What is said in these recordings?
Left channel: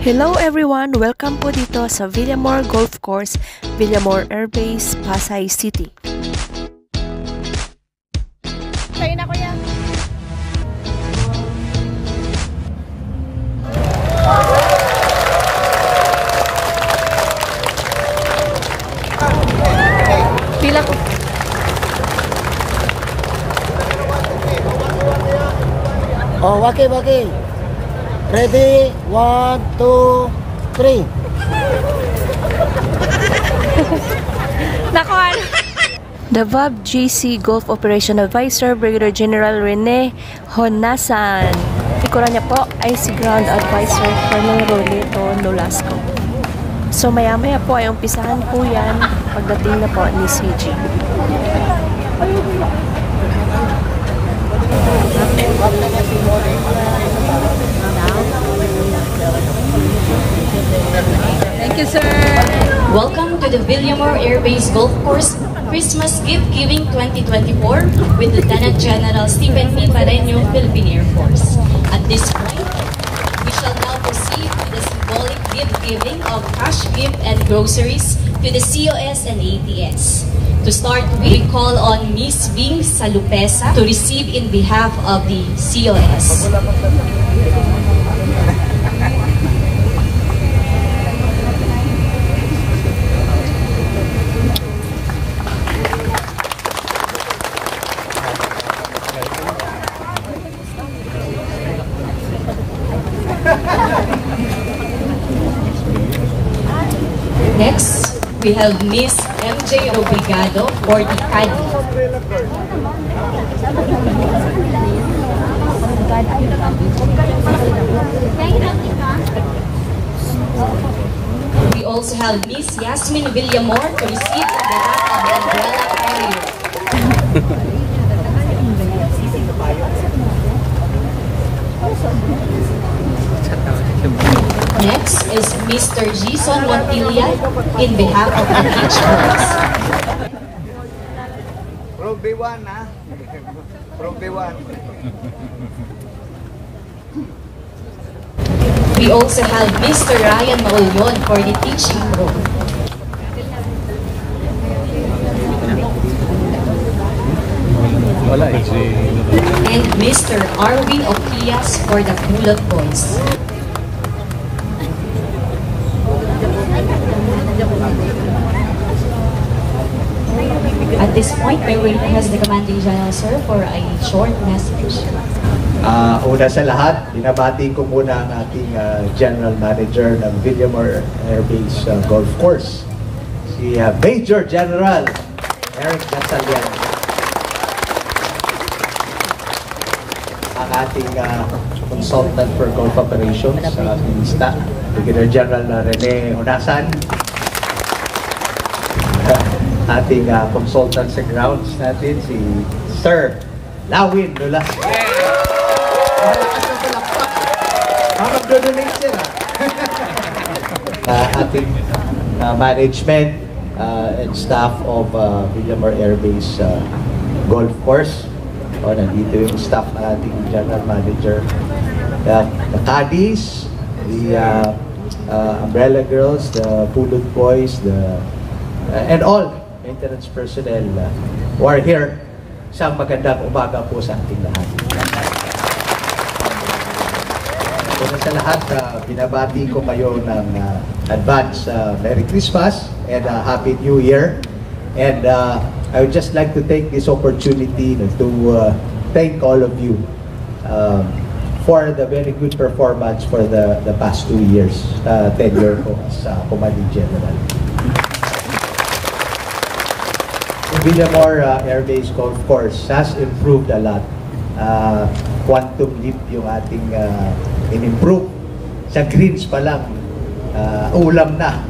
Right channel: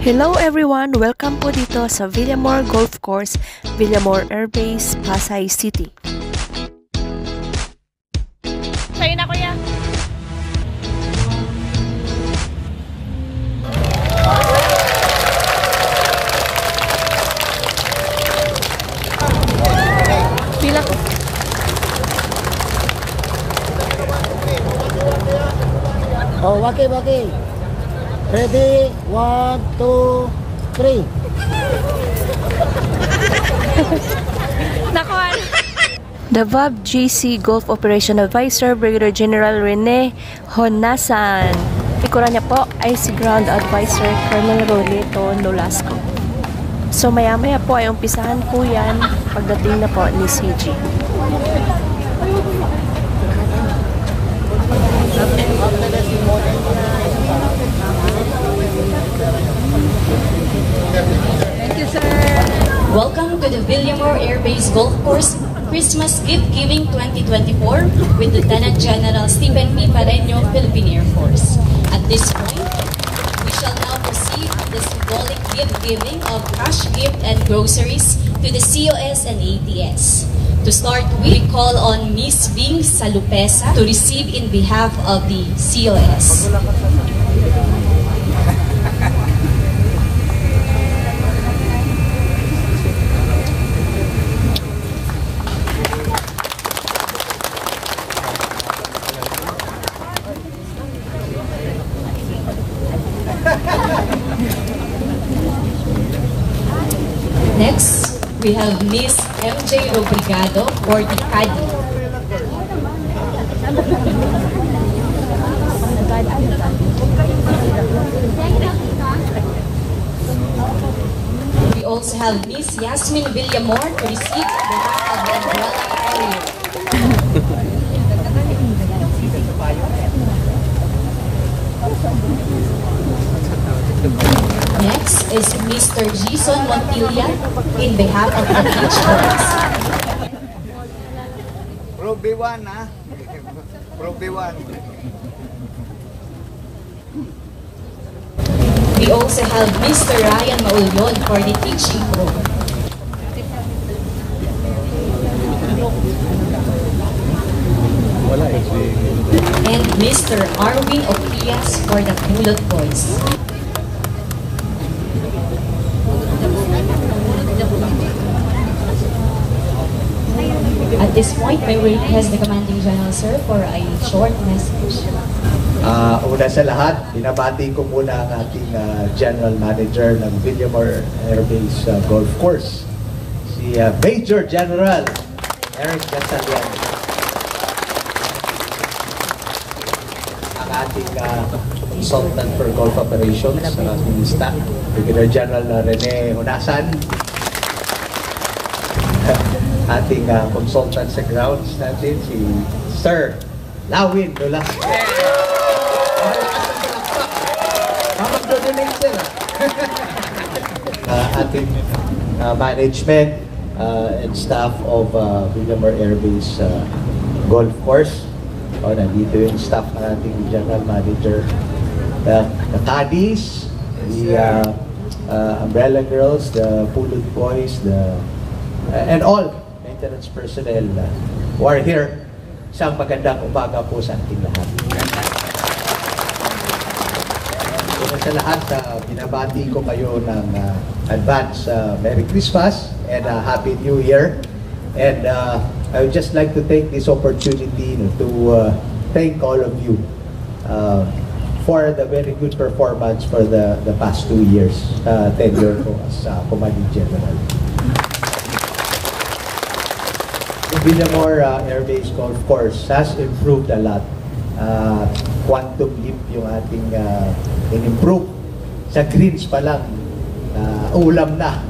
Hello everyone! Welcome po dito sa Villamor Golf Course, Villamor Air Base, Pasay City. Sa'yo na kuya! Pila ko. Oh, waki. Ready? 1, 2, 3. Nakon! The VAB GC Golf Operation Advisor, Brigadier General Rene Honasan. Ikuran niya po ay si Ground Advisor Colonel Rolito Nolasco. So maya-maya po ay umpisahan po yan pagdating na po ni CG. Thank you, sir! Welcome to the Villamor Air Base Golf Course Christmas Gift Giving 2024 with Lieutenant General Stephen P. Pareño, Philippine Air Force. At this point, we shall now proceed the symbolic gift giving of cash gift and groceries to the COS and ATS. To start, we call on Miss Bing Salupesa to receive in behalf of the COS. Next, we have Miss MJ Obrigado for the caddy. We also have Miss Yasmin Villamor to receive on behalf of the umbrella carrier. Next is Mr. Jason Montilla in behalf of the teachers. Ruby 1, ha? Ruby 1. We also have Mr. Ryan Maulyon for the teaching pro. And Mr. Arvin Okias for the Pulot Boys. At this point, I will request the Commanding General, sir, for a short message. Una sa lahat, binabati ko muna ang ating General Manager ng Villamor Air Base Golf Course, si Major General Eric Gasalian. Ang ating Consultant for Golf Operations, Minista, Brigadier General Rene Honasan. Ating consultant sa grounds natin, si Sir Lawin Nolasco. Ating management and staff of Villamor Air Base Golf Course. Nandito yung staff ng ating General Manager. The caddies, the umbrella girls, the Pulot Boys, and all maintenance personnel who are here. Isang magandang umaga po sa ating lahat. Una sa lahat, binabati ko kayo ng advance Merry Christmas and Happy New Year. And I would just like to take this opportunity to thank all of you for the very good performance for the past 2 years tenure ko as Commanding General. Villamor Air Base Golf Course has improved a lot. Quantum leap yung ating in-improve. Sa greens pa lang, ulam na.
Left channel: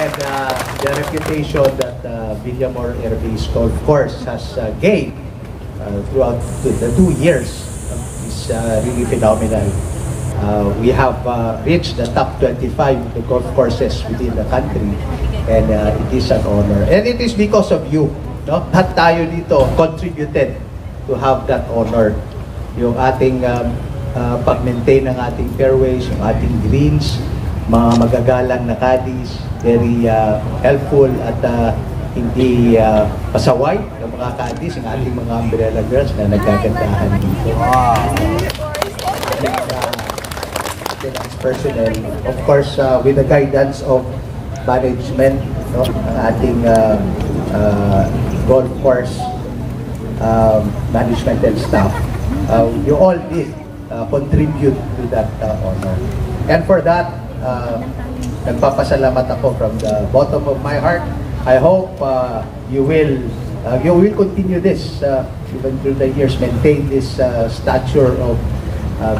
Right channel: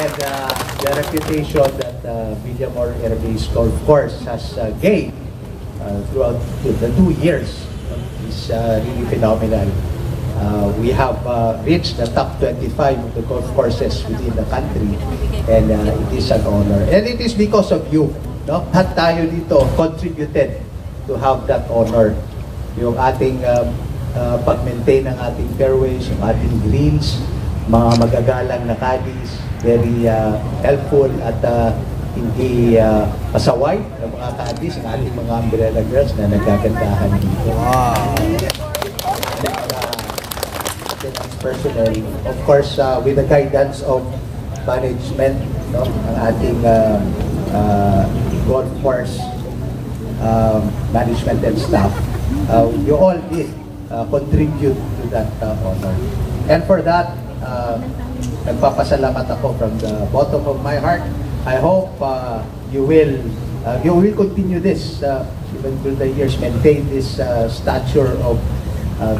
And the reputation that Villamor Air Base Golf Course has gained throughout the 2 years is really phenomenal. We have reached the top 25 of the golf courses within the country, and it is an honor. And it is because of you, no? Lahat tayo dito contributed to have that honor. Yung ating pag-maintain ng ating fairways, yung ating greens, mga magagalang na caddies, very helpful at hindi pasaway ng mga caddies, yung ating mga umbrella girls na nagkagandahan dito. Personnel, of course, with the guidance of management, no, ang ating golf course management and staff, you all did contribute to that honor. And for that, nagpapasalamat ako from the bottom of my heart. I hope you will continue this even through the years, maintain this stature of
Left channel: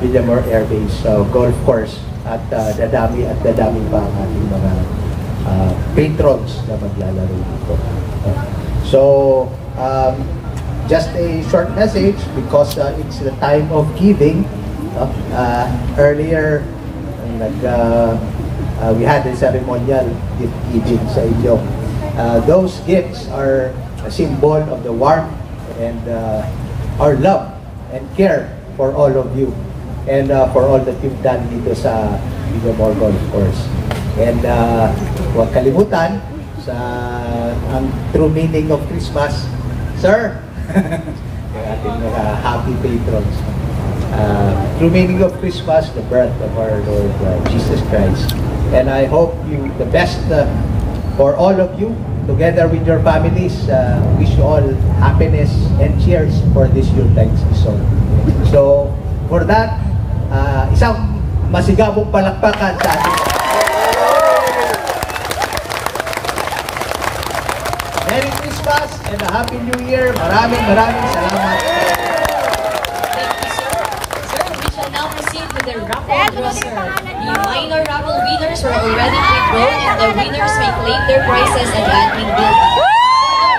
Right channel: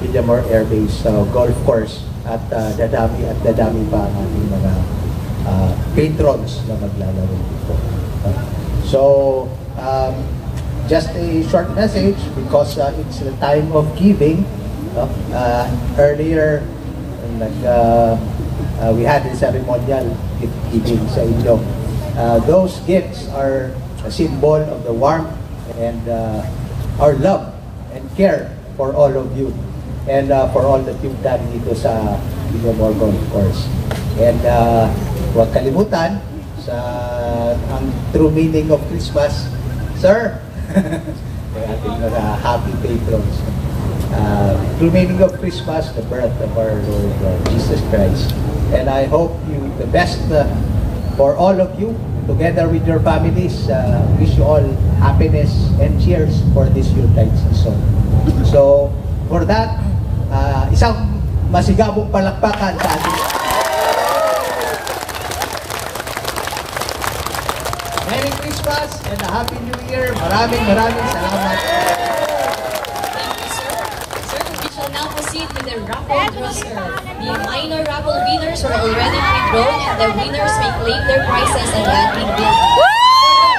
Villamor Air Base golf course at dadami pa ang ating mga patrons na maglalaro dito. So, just a short message because it's the time of giving. Earlier, we had a ceremonial gift giving sa inyo. Those gifts are a symbol of the warmth and our love and care for all of you and for all that you've done dito sa Villamor Golf Course. And huwag kalimutan sa ang true meaning of Christmas, sir, yung ating mga happy patrons. True meaning of Christmas, the birth of our Lord Jesus Christ. And I hope you the best for all of you, together with your families. Wish you all happiness and cheers for this Yuletide season. So, for that, isang masigabong palakpakan sa ating. Merry Christmas and a Happy New Year. Maraming salamat. We shall now proceed with the raffle draw, sir. The minor raffle winners were already pre-drawn and the winners may claim their prizes at the admin building. The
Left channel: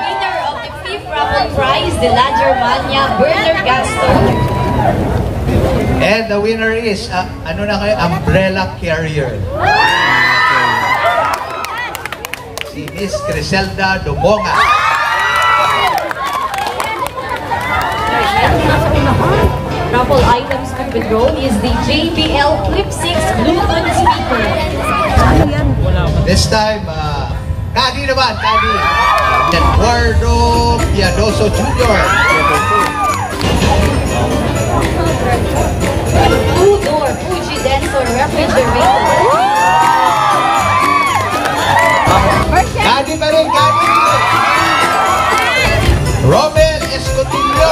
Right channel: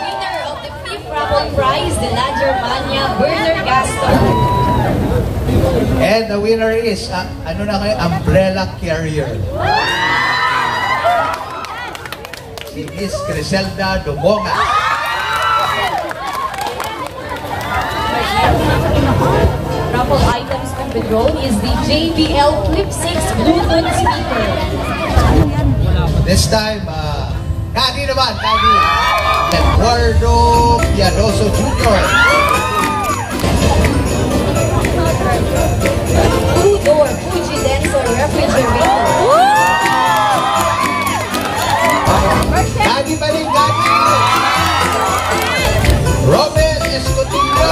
winner of the 5th raffle prize, the La Germania Burner Gaston. And the winner is, umbrella carrier. Si Miss Criselda Dumonga. Raffle items to be drawn is the JBL Clip 6 Bluetooth speaker. This time, Kagi naman, Kagi. Eduardo Piadoso Jr. Two-door Fuji Denso refrigerator. Kagi pa rin, Kagi. Romel Escotillo.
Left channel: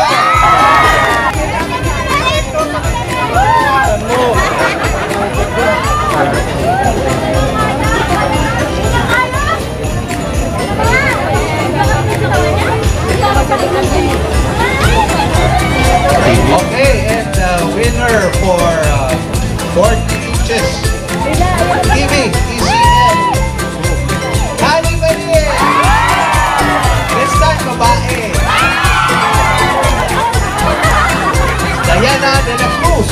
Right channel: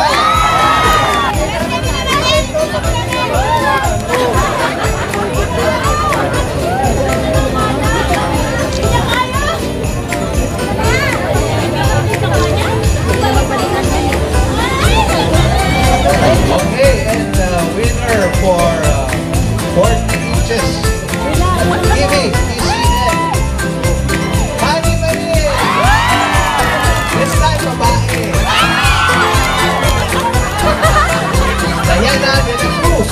Okay, and the winner for 40 inches. TV, TCN. Kani Marie. This time, babae. Diana de la Cruz.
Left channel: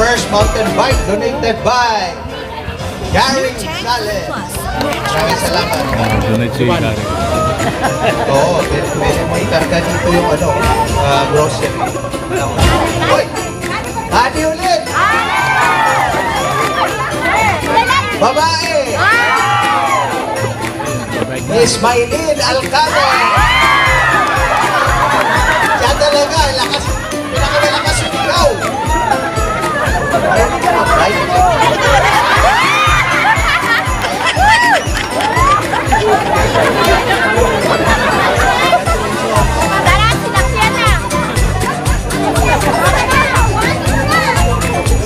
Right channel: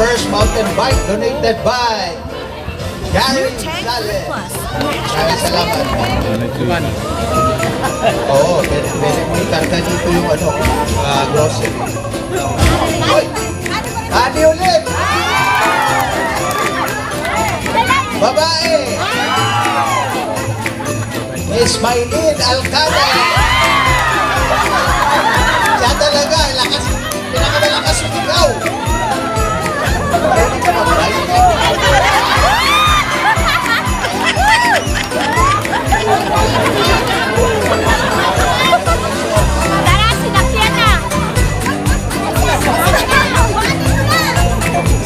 First mountain bike donated by Gary Gonzalez. Maraming salamat. Oo, may karga dito yung grocery. Uy! Adi ulit! Babae! Miss Maylin Alcala! Siya talaga, lakas ikaw!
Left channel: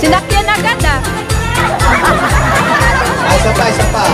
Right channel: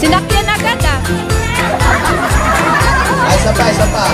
Sinakyan agad ah. Isa pa.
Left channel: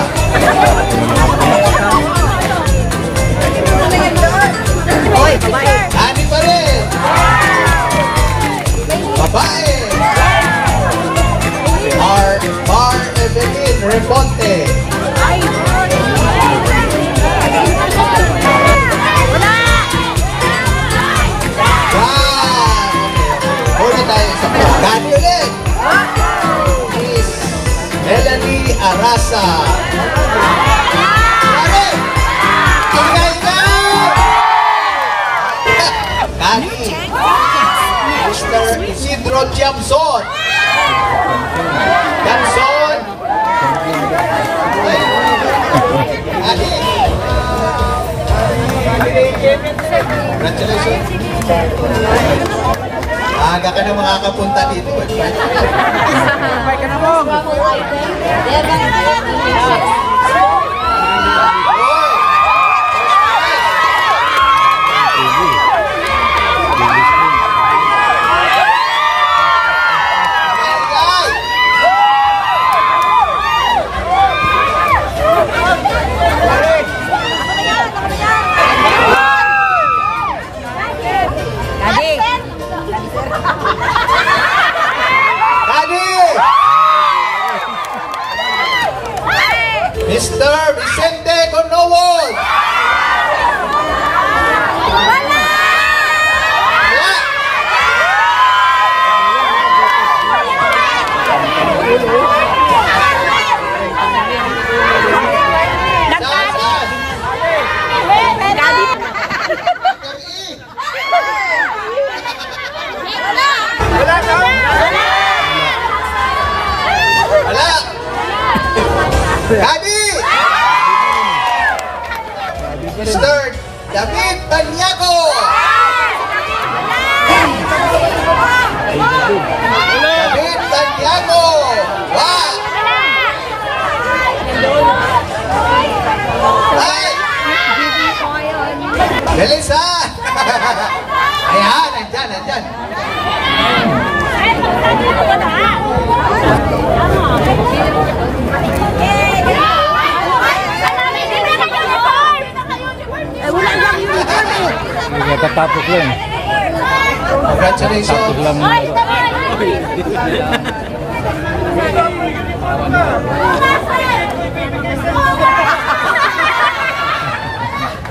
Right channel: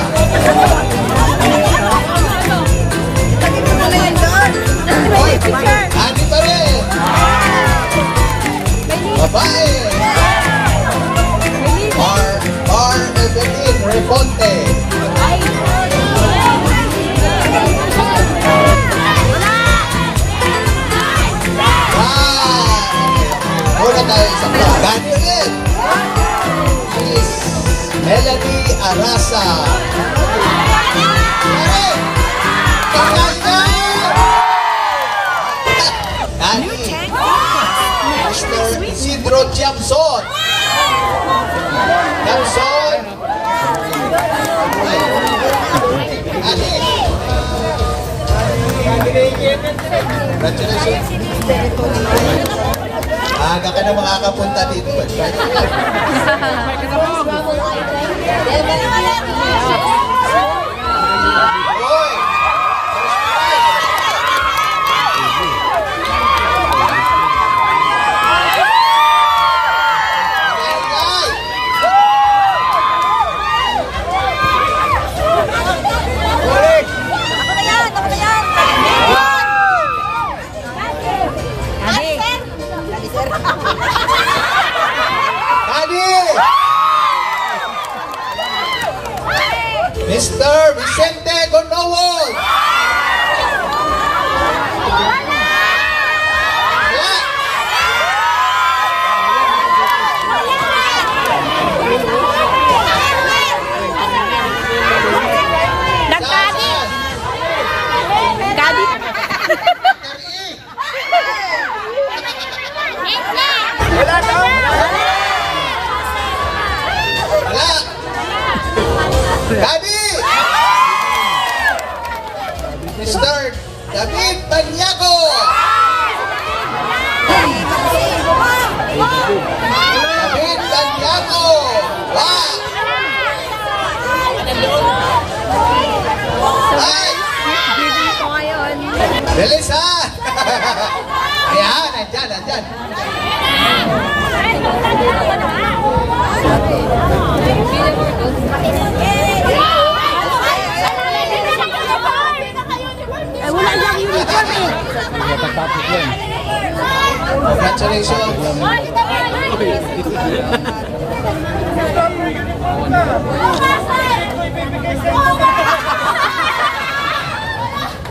Congratulations. Aga ka na makakapunta dito. Mr. Vicente Gonowol! Wala na! Wala! Gabi! Mr. David Banyago! David Banyago! Wow! Ay! Bilis ha! Ayan, nandyan. Wala lang uniform eh. Katapos yun. Congratulations.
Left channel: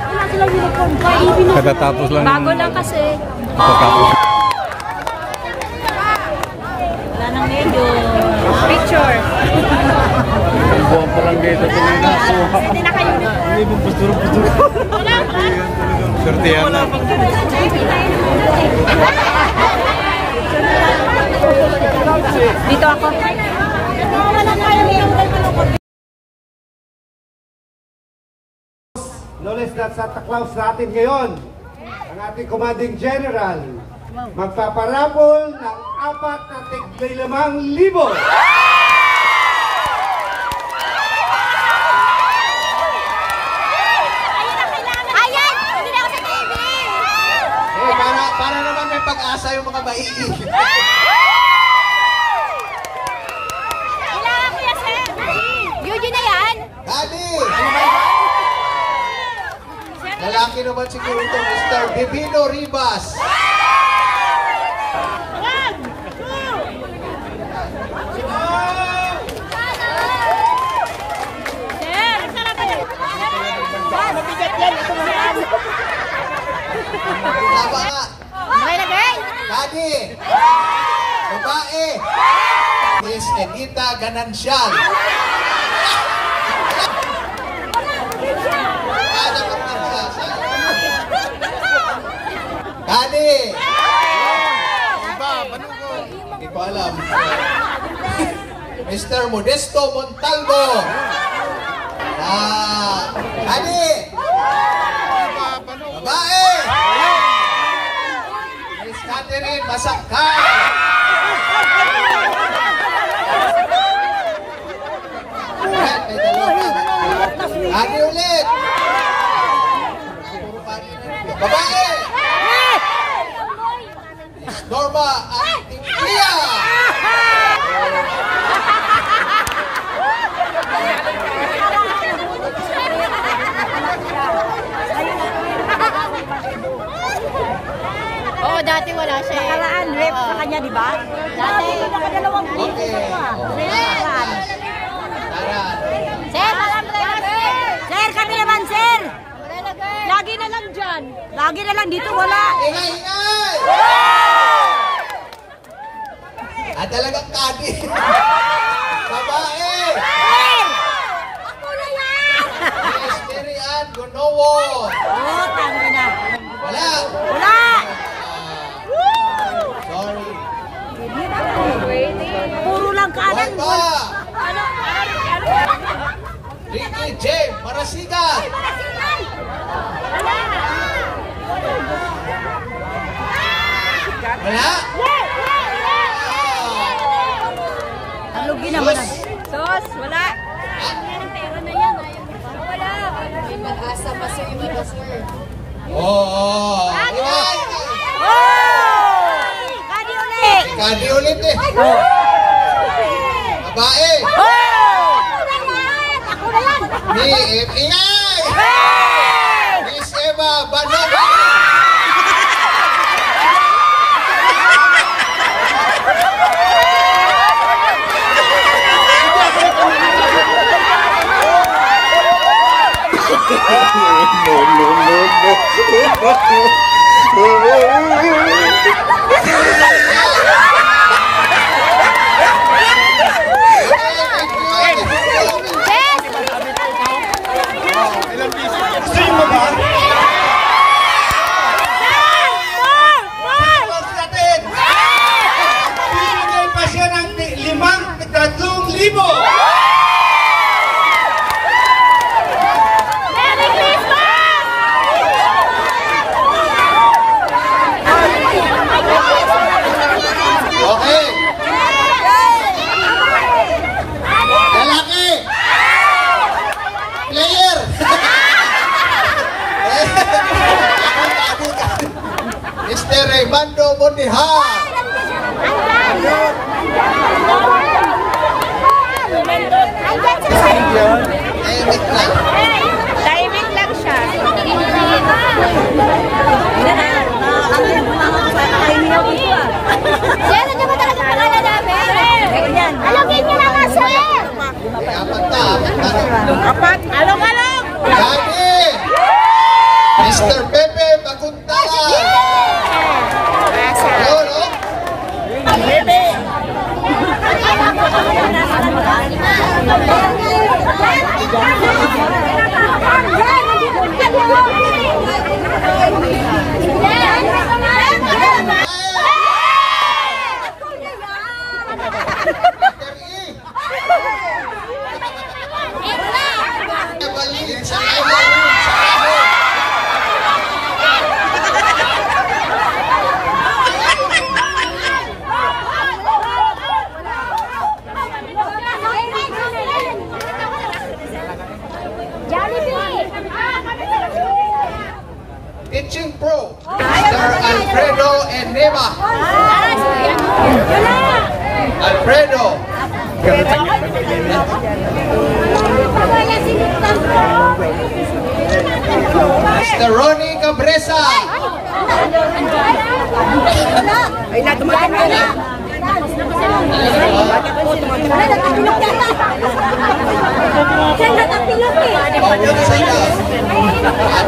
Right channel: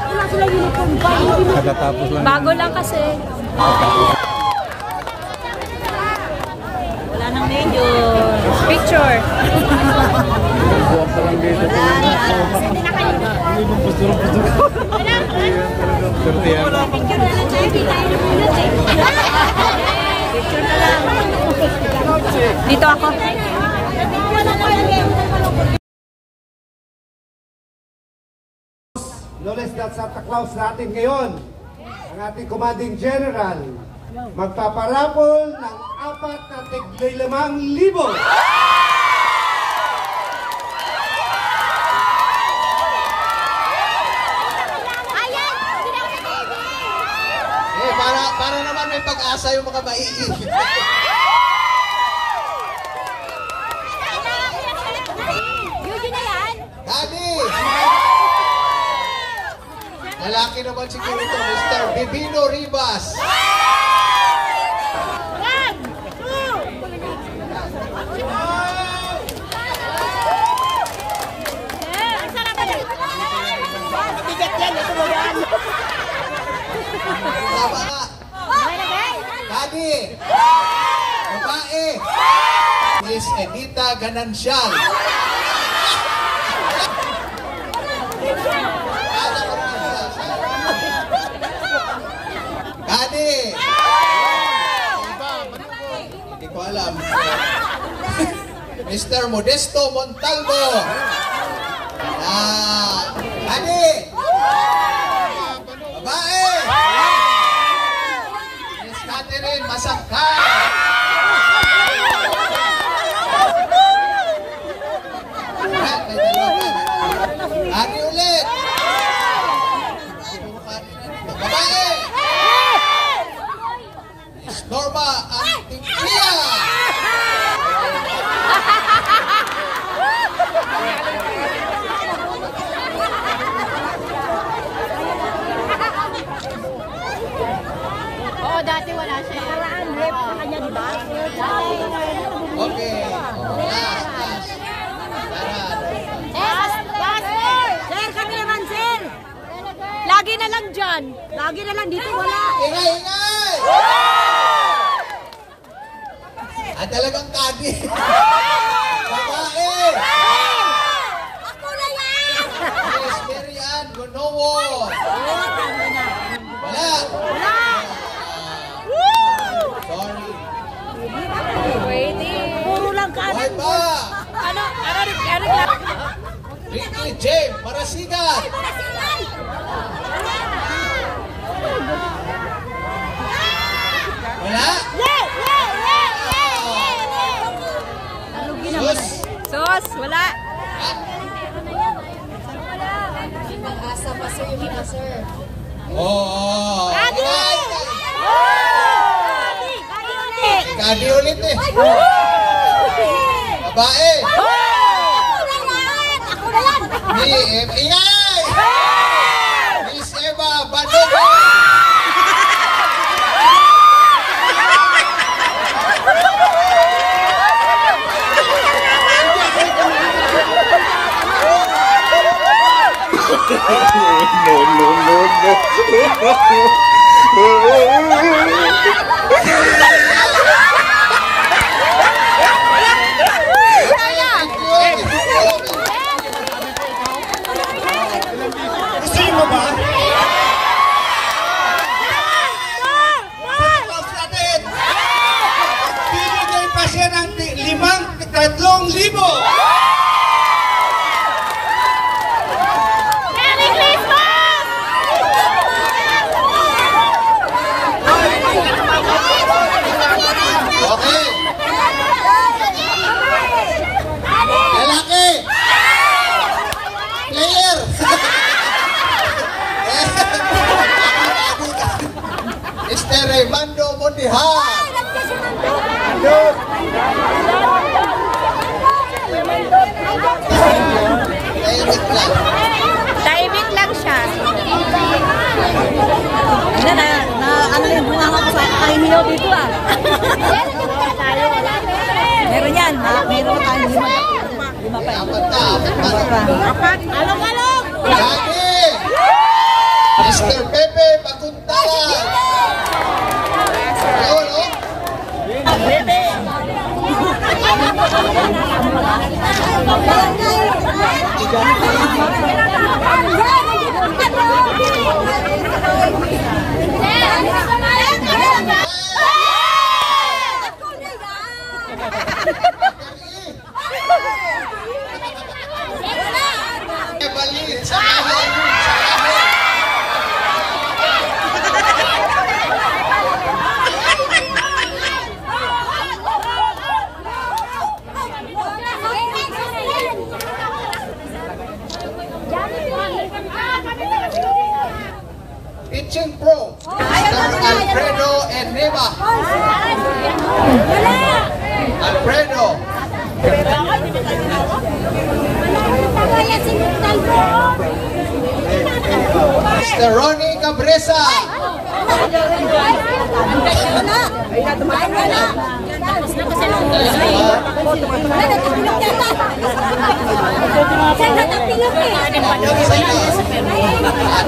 Wala silang uniform pa. Katapos lang. Bago lang kasi. Wala nang medyo. Picture. Buwan pa lang dito. Hindi naka-uniform. Ibang pasturong. Wala. Sortihan. Dito ako. No less than Santa Claus natin ngayon, ang ating commanding general, magpaparapol ng 4,500. Para naman may pag-asa yung mga maiigil. Kailangan ko yan, sir. Yun na yan. Daddy! Lalaki naman siguro ito, Mr. Bibino Ribas. Tama nga. Daddy! Babae! Miss Enita Ganancial. Daddy! Hindi ko alam. Mr. Modesto Montalvo. Daddy! Babae! Miss Catherine Masakay. Daddy ulit! Babae! Miss Norma Antiglia! Oo, dati wala siya. Nakaraan, rep sa kanya, di ba? Dati, nakadalawang Okay. Sir, kami naman, sir. Lagi na lang dyan. Lagi na lang dito, wala. Ingay! Talagang kadi. Babae! Ako na yan! Miss Mary Ann Gonowo. Wala. Sorry. Puro lang kanan. Hoy pa! Ricky J. Marasigan. Wala? Ano ginawa? Sos, wala. Nag-asa pa sa yung iba, sir. Oo. Kadi ulit! Kadi ulit eh. Babae. Ako na yan! Ingay! Miss Eva Bandog. Sino ba? Pinigay pa siya ng 5,000. Merry Christmas! Okay. Lalaki. Player. Mr. Raymando Mondihan. Timing lang siya. Ano yung bunga mo sa kainin dito ah? Meron naman talaga pangalan namin. Meron yan. Alagay ko na nga sir. Apat. Alog-alog. Lagi. Mr. Pepe Bakuntalan. Hello, no? Ibalik sa Pitching Pro, Mr. Alfredo Eneva. Alfredo. Mr. Ronnie Cabresa.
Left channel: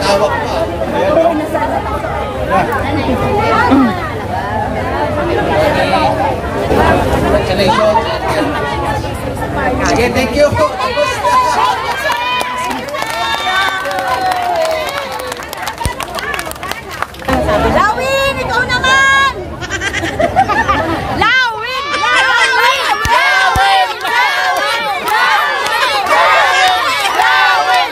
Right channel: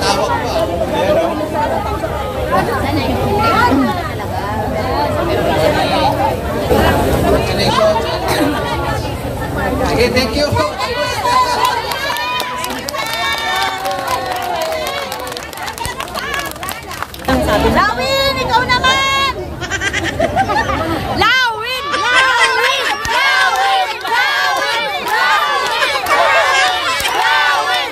Tawag pa. Congratulations. Sige, thank you. Lawin, ikaw naman! Lawin! Lawin! Lawin! Lawin! Lawin! Lawin! Lawin!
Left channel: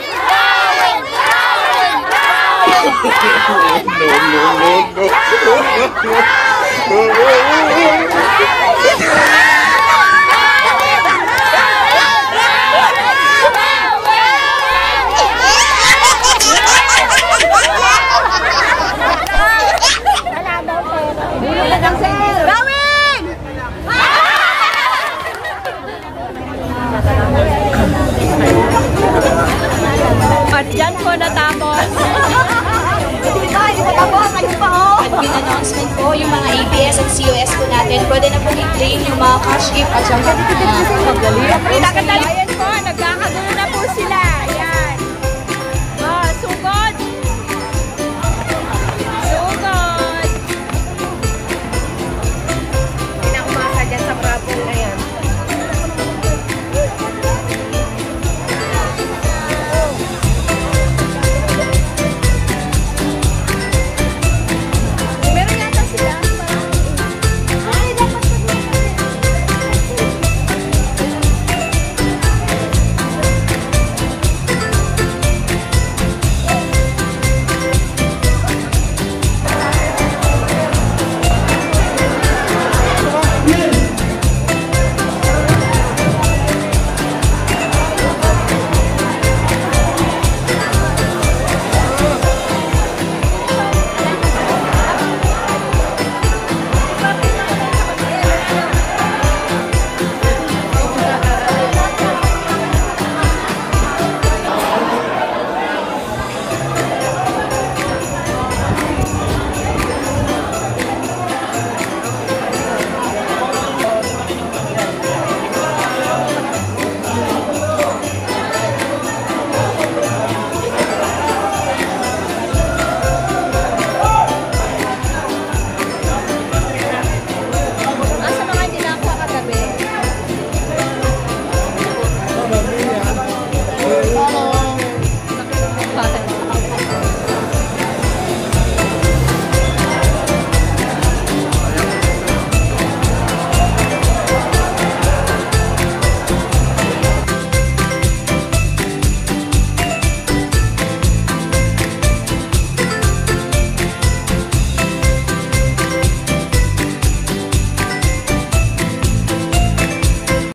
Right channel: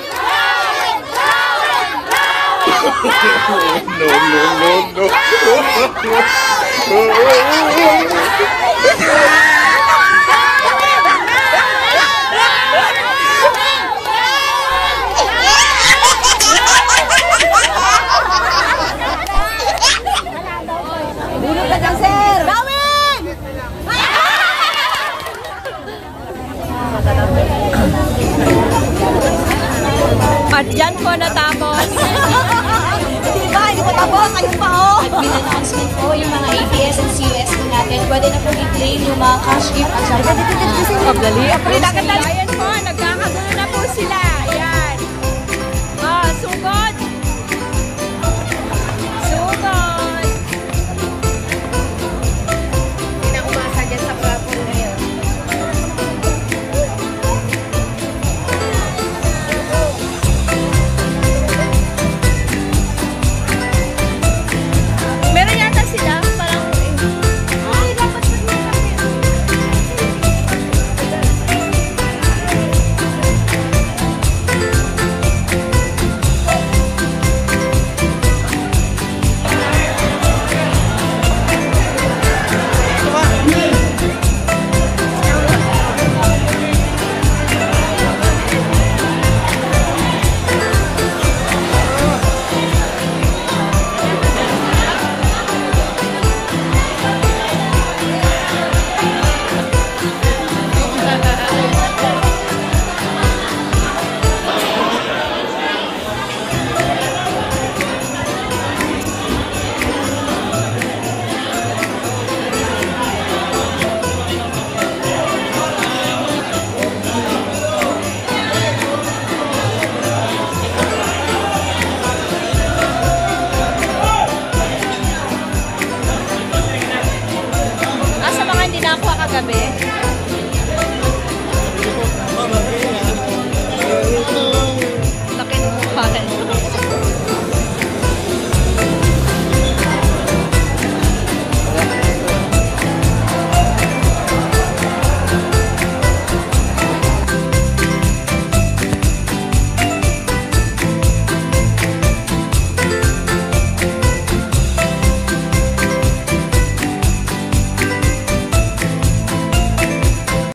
At dyan po natapos. Admin announcement po, yung mga ABS and COS po natin, pwede na po i-claim yung mga cash gift at syempre. Pagdali. Ayan po, nagkakagulo na po sila. Ayan.